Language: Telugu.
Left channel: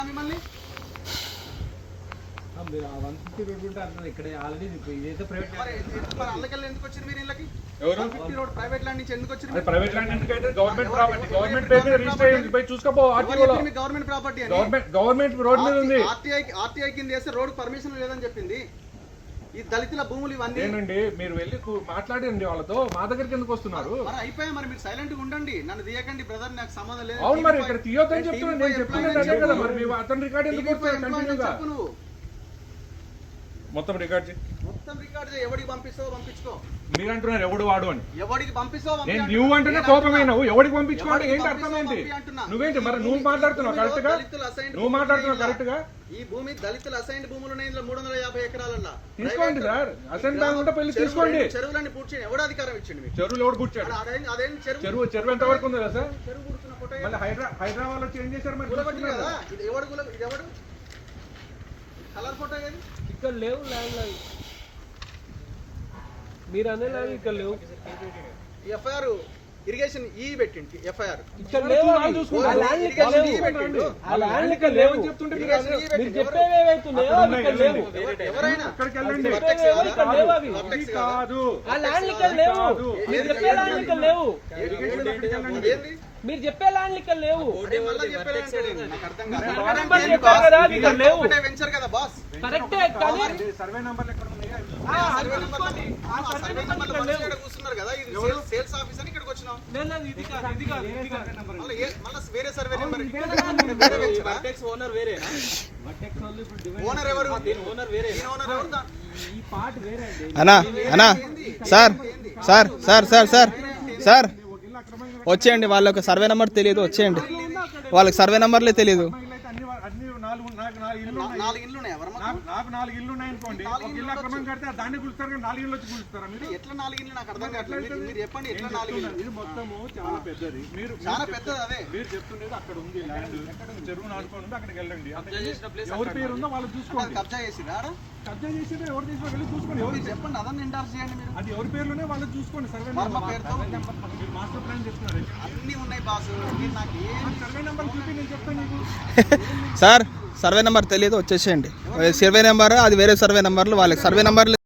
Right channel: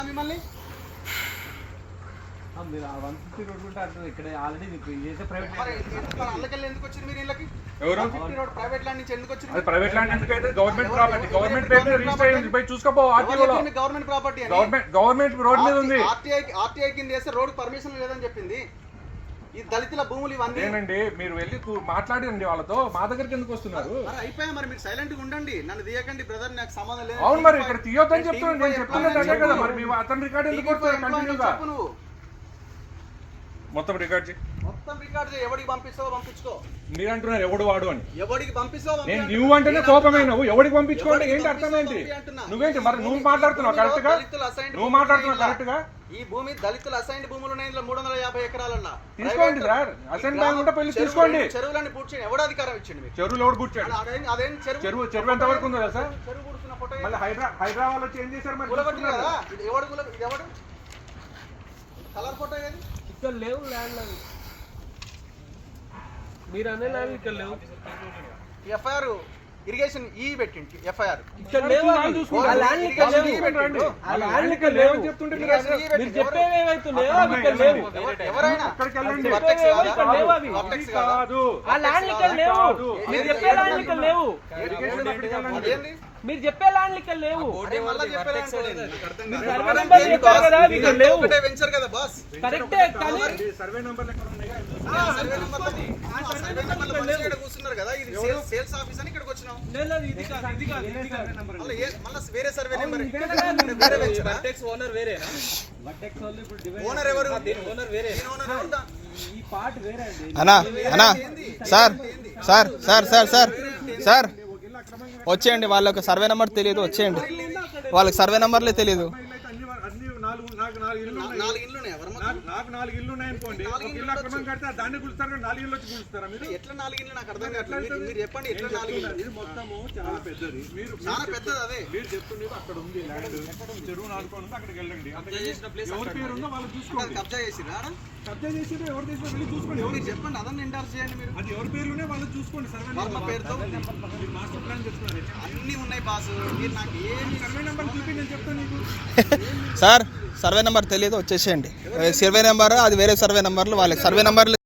మిమ్మల్ని మీరు 150 రోడ్ ఉంటే అర్థం ఇక్కడ ఆల్రెడీ మీకు ఇదైతే ప్రైవేట్ అందుకెళ్ళి ఎందుకు వచ్చింది మీరు ఇళ్ళకి? ఎవరు 150 రోడ్ ప్రైవేట్ ల్యాండ్ నుంచి ఎందుకు వచ్చింది? అది ప్రైవేట్ ల్యాండ్ అంటే గవర్నమెంట్ ప్రాపర్టీ, గవర్నమెంట్ పేరు మీద రిజిస్టర్ అయ్యింది. పోయి చూసుకోపో ఆర్టీఓలో. గవర్నమెంట్ ప్రాపర్టీ అని గవర్నమెంట్ రోడ్ మీద ఉంది. ఆర్టీఐ కింద చేస్తే రోడ్ పర్మిషన్ లేదని చెప్పింది. ఈ దళితుల భూములు ఇవన్నీ ఏనండి, మీరు వెళ్ళి మాట్లాడండి వాళ్ళతో. మా దగ్గరికి ఎందుకు వస్తున్నారు? మరి అయిపోయా, మరి మీరు సైలెంట్ గా ఉండండి, నన్ను తీయకండి బ్రదర్, నాకు సంబంధం లేదు. అవును, మరి ఇక్కడ తీయొద్దని చెప్తున్నాను. నేను చెప్తున్నాను అదే కదా. మరి మీ అతని రికార్డ్ ఎందుకు వస్తుంది కంటిన్యూగా? నువ్వు మొత్తం రికార్డ్ చేయి. మొత్తం రికార్డ్ చేయి. ఎవడికి పంపిస్తావో పంపించుకో. మీరు అంటున్నారు ఎవడు వాడు అని. ఎవడికి పంపిస్తావో నేను నువ్వు అంటేనే కోపమైనవు. ఎవడికి పంపించుకోండి ఏంటి అర్థం ఏంటి? నువ్వేంటి మరి నువ్వు మాట్లాడుతున్నావు కరెక్ట్ గా? నువ్వు మాట్లాడుతున్నావు కరెక్ట్ గా? ఈ భూమి దళితుల అసైన్డ్ భూములు ఉన్నాయి. 350 ఎకరాలన్నా తీసుకోండి సార్. అసైన్ బ్యాంక్ ఉంటే పెళ్లి తీసుకోండి. చెరువులన్నీ పూర్తి చేయండి. ఎవడు అధికారం ఇచ్చింది మీకు? చెరువులు ఎవడు కూర్చాడు? అదేం చెరువు ఎంత వరకు ఉందా సార్? చెరువు కూర్చున్న ఫోటో మళ్ళీ హైదరాబాద్ లో చేంజ్ చేశారు. మరి కదా ఇది ఎవడు కలర్ ఫోటో ఏది? ఇక్కడ లేవు ల్యాండ్ లైన్. మీరు అనే ల్యాండ్ ఇక్కడ లేవు. ఎఫ్ఐఆర్ ఇరిగేషన్ ఈ పెట్టింది. ఎఫ్ఐఆర్ ఇక్కడ లేవు. ఆ ల్యాండ్ ఇక్కడ లేవు. ఆ ల్యాండ్ ఇక్కడ లేవు. మీరు చెప్పేవి ఏవైతున్నాయో అవి ఇక్కడ లేవు. ఎవరైనా ఇక్కడ లేవు. అవి ఆ ల్యాండ్ ఇక్కడ లేవు. మీరు చెప్పే ల్యాండ్ ఇక్కడ లేవు. మీరు చెప్పే ల్యాండ్ ఇక్కడ లేవు. వెంచర్ కదా బాస్. కరెక్టే. సర్వే నంబర్ కూర్చున్నారు కదా. ఇది సేల్స్ ఆఫీస్ అని ఇక్కడికి వచ్చినాం. వేరే సర్వే నెంబర్. ఓనర్ ఎవరు? ఈ పార్ట్ వేరే అన్నా అన్నా sir sir sir sir sir sir వచ్చేయండి. వాళ్ళకి సర్వే నెంబర్ తెలియదు. వచ్చేయండి. వాళ్ళకి సర్వే నెంబర్లే తెలియదు. నాలుగు ఇల్లు ఉన్నాయి. నాకు 4 ఇల్లు ఉన్నాయి అనుకోండి. ఇల్లు అక్రమం కడితే దాన్ని గులుస్తారు. 4 ఇల్లు వచ్చి గులుస్తారా మీరు? ఎట్లా 4 ఇల్లు నాకు అర్థం కావట్లేదు. మీరు చెప్పండి ఎట్లా 4 ఇల్లు? ఇది మొత్తము చాలా పెద్దది. మీరు చాలా పెద్దది. అదే మీరు చెప్తున్నది అక్కడ ఉంది ల్యాండ్. చెరువు నాలుగు ఉంది. అక్కడికి వెళ్ళండి. ఎవరి పేరు ఉందో వాళ్ళు చూసుకోండి. కబ్జా చేసిరా? కబ్జా చేసి ఎవరు చేసినా వెళ్ళి చూసుకోండి. ఎవరు చెప్పండి అదన్నీ ఎండార్స్ చేయండి మీరు. అది ఎవరి పేర్లోనే వాళ్ళు చూసుకోండి. సర్వే వర్మ పేరుతో మాస్టర్ ప్లాన్ చెప్తున్నారు. అన్ని ఉన్నాయి బాసు. మీరు నాకు ఏమి సర్వే నెంబర్ చూపి నేను చెప్తాను నీకు. సార్ సర్వే నెంబర్ తెలియదు. వచ్చేసేయండి. సర్వే నెంబర్ అది వేరే సర్వే నెంబర్లు. వాళ్ళకి సర్వే నెంబర్లు